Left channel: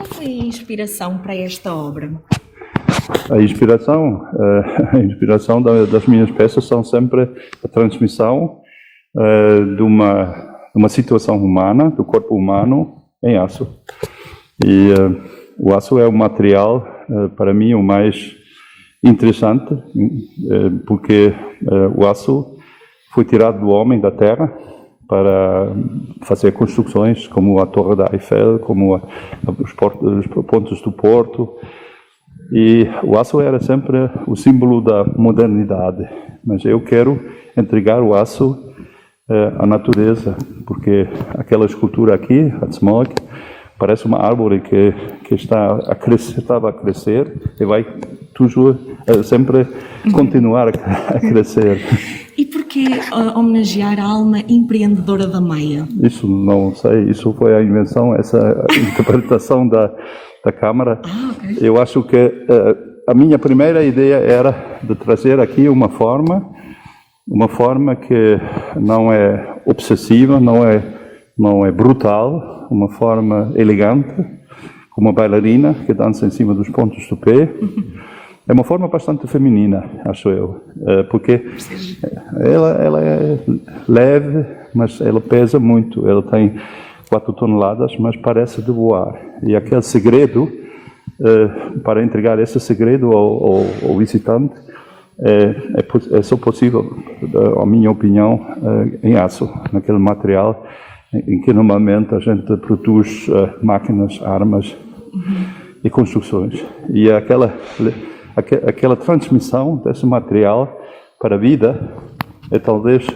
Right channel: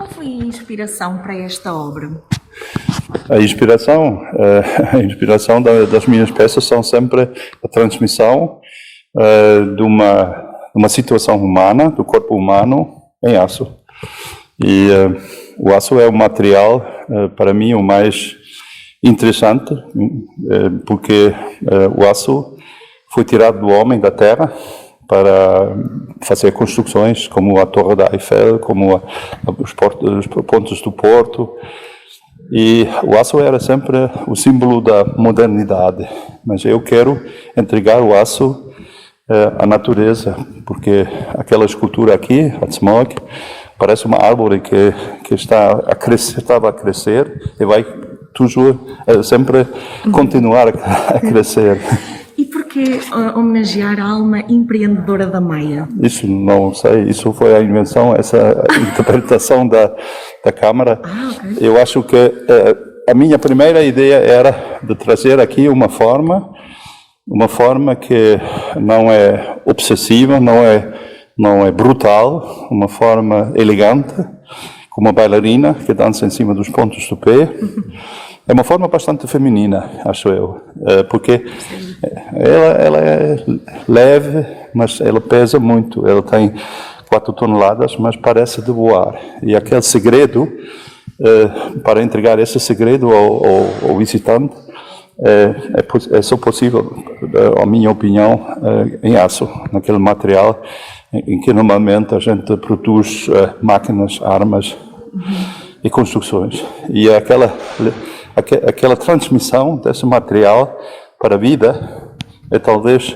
Qual foi a inspiração para esta obra? A inspiração das minhas peças são sempre a transmissão de uma situação humana, do corpo humano, em aço. E o aço é o material, para mim, o mais interessante, porque o aço foi tirado do homem, da terra, para fazer construções como a Torre da Eiffel, como os pontos do Porto. E o aço era sempre o símbolo da modernidade. Mas eu quero entregar o aço à natureza, porque aquela escultura aqui, a Smog, parece uma árvore que estava a crescer e vai sempre continuar a crescer. E porquê homenagear a alma empreendedora da Maia? Isso não sei, isso foi a invenção, essa interpretação da Câmara. Okay. Eu acho que a minha primeira ideia era de trazer aqui uma forma que não é obsessiva, não é brutal, uma forma elegante, como uma bailarina que dança em cima dos pontos do pé. É uma forma bastante feminina, acho eu, porque ela é leve, mas ela pesa muito. Ela tem 4 toneladas, mas parece de voar. E aquele segredo, para entregar esse segredo ao visitante, é só possível, a minha opinião, em aço, naquele material em que normalmente a gente produz máquinas, armas e construções. E aquela transmissão desse material para a vida é talvez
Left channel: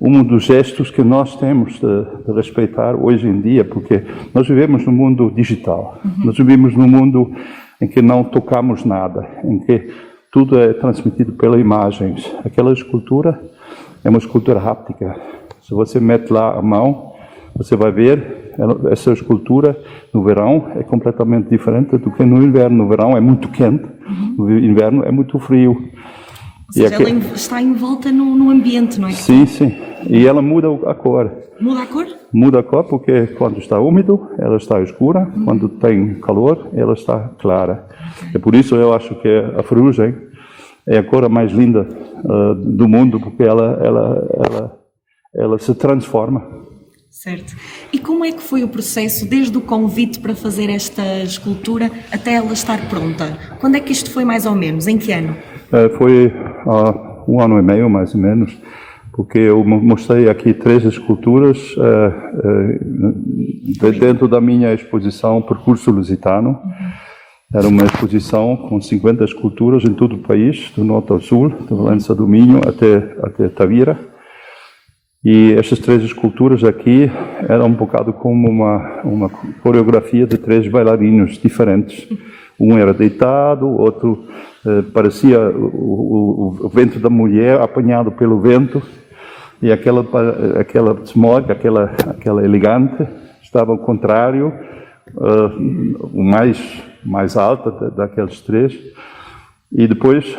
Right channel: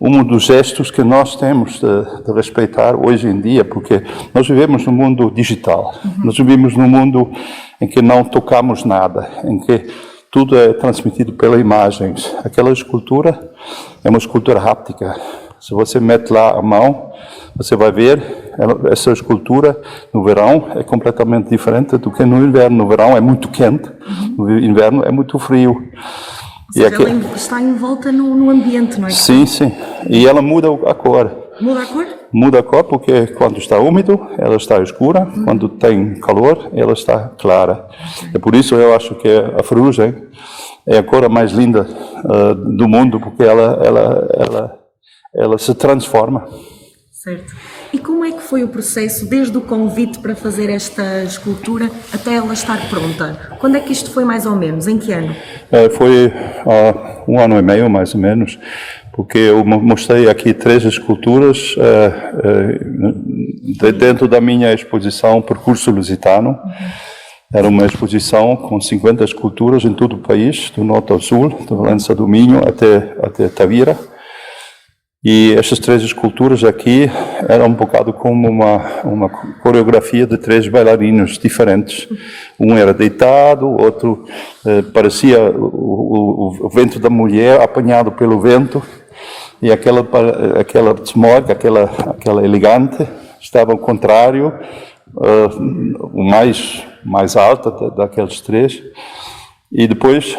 um dos gestos que nós temos de respeitar hoje em dia, porque nós vivemos num mundo digital, nós vivemos num mundo em que não tocamos nada, em que tudo é transmitido pelas imagens. Aquela escultura é uma escultura háptica. Se você mete lá a mão, você vai ver, essa escultura no verão é completamente diferente do que no inverno. No verão é muito quente, no inverno é muito frio. Ou seja, ela está envolta no ambiente, não é? Sim, sim. E ela muda a cor. Muda a cor? Muda a cor porque quando está úmido, ela está escura. Quando tem calor, ela está clara. É por isso eu acho que a ferrugem é a cor mais linda do mundo, porque ela se transforma. Certo. E como é que foi o processo, desde o convite para fazer esta escultura até ela estar pronta? Quando é que isto foi mais ou menos? Em que ano? Foi há 1 ano e meio, mais ou menos, porque eu mostrei aqui 3 esculturas dentro da minha exposição Percurso Lusitano. Era uma exposição com 50 esculturas em todo o país, do norte ao sul, de Valença do Minho até Tavira. E estas 3 esculturas aqui eram um bocado como uma coreografia de 3 bailarinos diferentes. Um era deitado, o outro parecia o ventre da mulher apanhado pelo vento, e aquela Smog, aquela elegante, estava ao contrário, o mais alta daqueles 3. E depois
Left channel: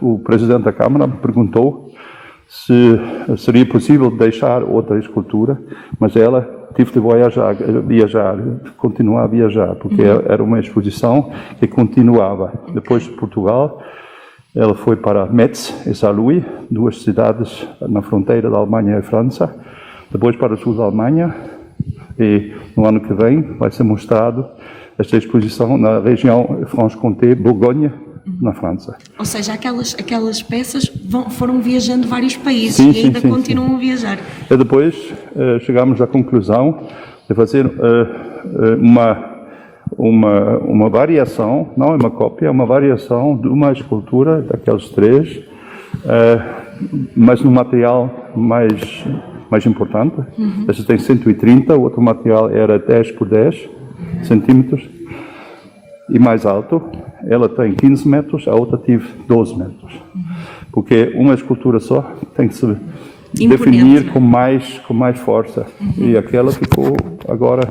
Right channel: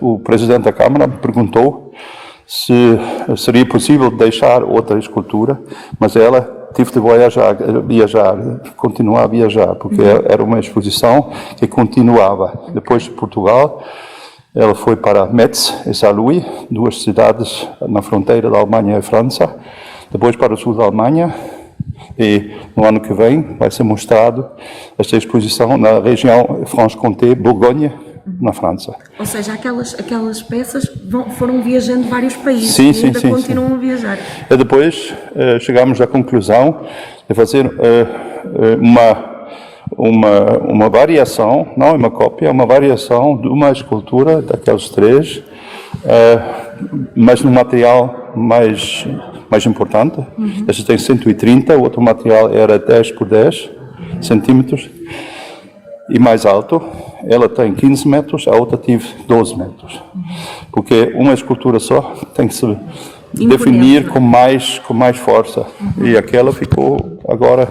o presidente da Câmara perguntou se seria possível deixar outra escultura, mas ela teve de viajar, continuar a viajar, porque era uma exposição que continuava. Depois de Portugal, ela foi para Metz e Saarlouis, 2 cidades na fronteira da Alemanha e França, depois para o sul da Alemanha, e no ano que vem vai ser mostrado esta exposição na região Franche-Comté, Borgonha, na França. Ou seja, aquelas peças foram viajando vários países e ainda continuam a viajar. E depois chegamos à conclusão de fazer uma variação, não é uma cópia, é uma variação de uma escultura daqueles 3, mas num material mais importante. Este tem 130, o outro material era 10 por 10 centímetros e mais alto. Ela tem 15 metros, a outra tive 12 metros. Porque uma escultura só tem que se definir com mais força. E aquela ficou agora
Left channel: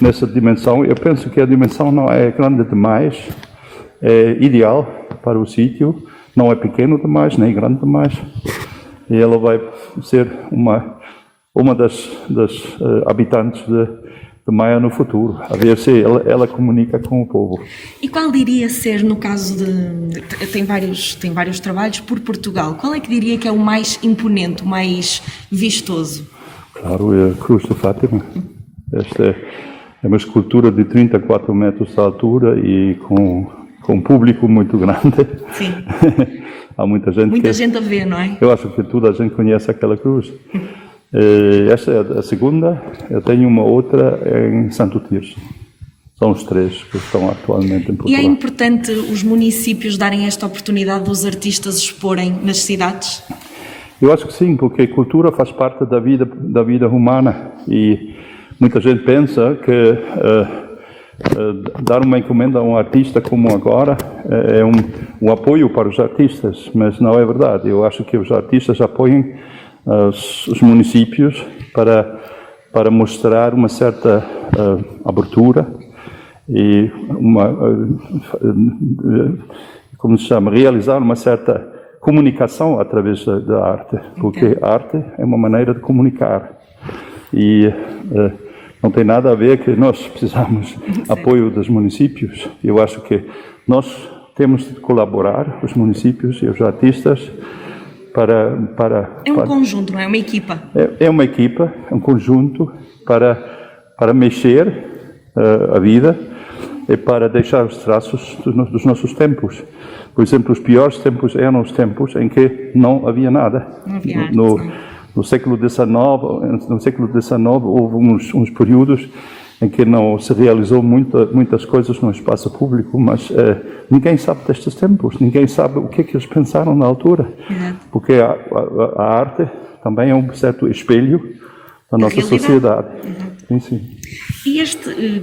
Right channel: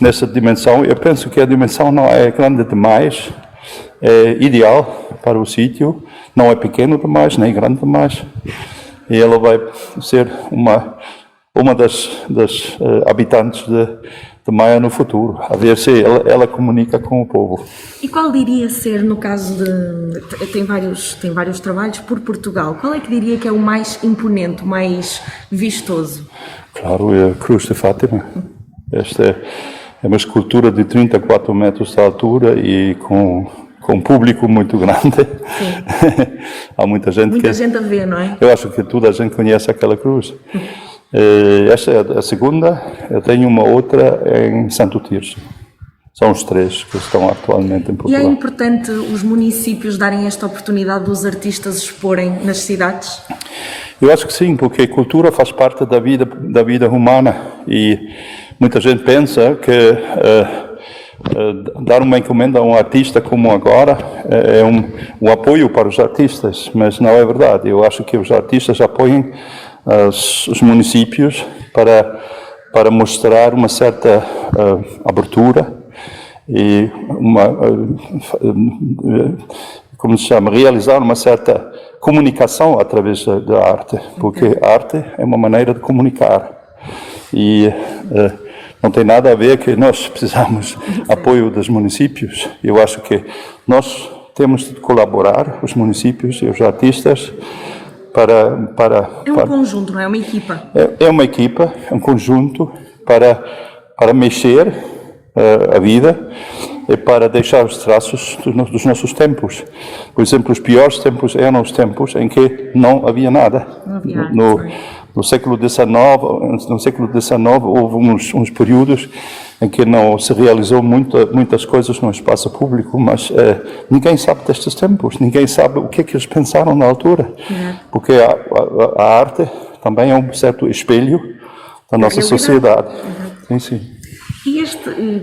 nessa dimensão. Eu penso que a dimensão não é grande demais, é ideal para o sítio, não é pequeno demais, nem grande demais. E ela vai ser uma das habitantes de Maia no futuro, a ver se ela comunica com o povo. E qual diria ser, no caso de... Tem vários trabalhos por Portugal. Qual é que diria que é o mais imponente, o mais vistoso? Claro, é a Cruz de Fátima. Esta é uma escultura de 34 metros de altura e com um público muito grande. Sim. Há muita gente Muita gente a ver, não é? Eu acho que toda a gente conhece aquela cruz. Esta é a segunda. Eu tenho uma outra em Santo Tirso. São os 3 que estão atualmente em Portugal. E é importante os municípios darem esta oportunidade dos artistas exporem nas cidades? Eu acho que sim, porque a cultura faz parte da vida humana e muita gente pensa que dar uma encomenda a um artista como agora é um apoio para os artistas, mas não é verdade. Eu acho que os artistas apoiam os municípios para mostrar uma certa abertura e como se chama, realizar uma certa comunicação através da arte, porque a arte é uma maneira de comunicar e não tem nada a ver que nós precisamos apoio dos municípios. Eu acho que nós temos de colaborar, os municípios e os artistas, para É um conjunto, não é? É uma equipa. É uma equipa, é um conjunto para mexer a vida e para deixar os traços dos nossos tempos. Por exemplo, os piores tempos eram os tempos em que não havia nada. Não havia arte, No século XIX houve uns períodos em que não se realizou muitas coisas no espaço público, mas ninguém sabe destes tempos, ninguém sabe o que é que eles pensaram na altura, porque a arte também é um certo espelho da nossa sociedade. Sim. E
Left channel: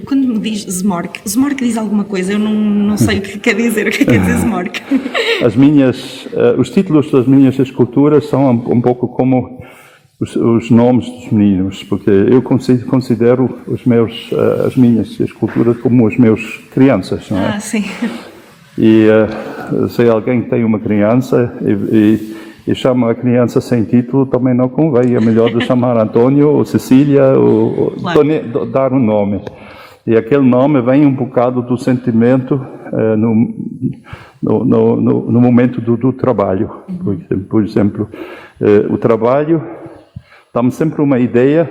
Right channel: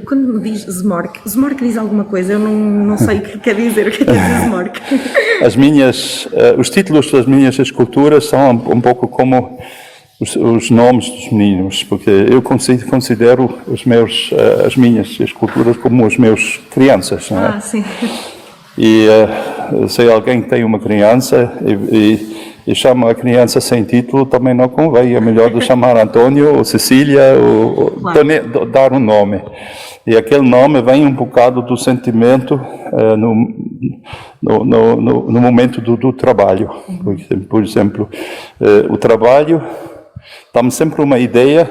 quando me diz Zmork diz alguma coisa? Eu não sei o que quer dizer. O que quer dizer Zmork? Os títulos das minhas esculturas são um pouco como os nomes dos meninos, porque eu considero as minhas esculturas como os meus crianças, não é? Ah, sim. E se alguém tem uma criança e chama a criança sem título, também não convém. É melhor de chamar Antônio ou Cecília ou claro. Dar um nome. E aquele nome vem um bocado do sentimento no momento do trabalho. Por exemplo, o trabalho dá-me sempre uma ideia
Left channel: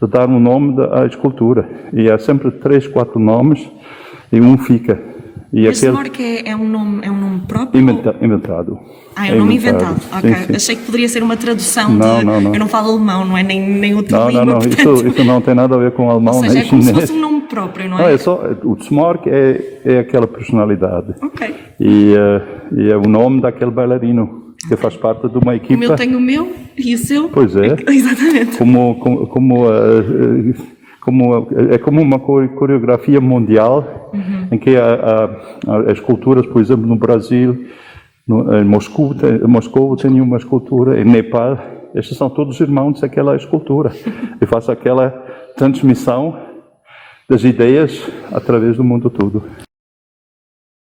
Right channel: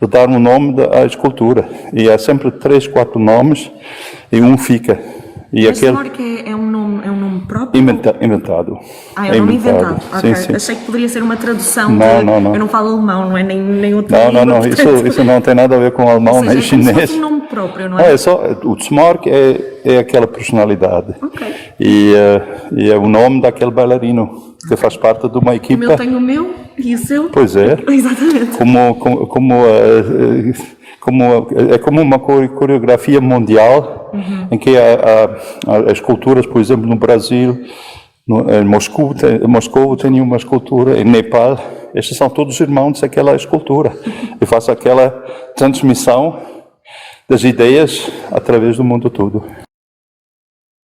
de dar um nome à escultura. E há sempre 3, 4 nomes e um fica. Mas Zmork é um nome próprio? Inventado. É um nome inventado. Okay. Sim. Achei que poderia ser uma tradução não. Eu não falo alemão, não é? Nem outra língua. Não. Portanto... Isso não tem nada a ver com alemão nem chinês. É como se fosse um nome próprio, não é? O Zmork é aquela personalidade. Ok. E é o nome daquele bailarino que faz parte de uma equipa. O meu tem o meu e o seu? Pois é. Exatamente. É como uma coreografia mundial em que há esculturas, por exemplo, no Brasil, em Moscou tem uma escultura, em Nepal, estes são todos irmãos daquela escultura e faz aquela transmissão das ideias através do mundo todo.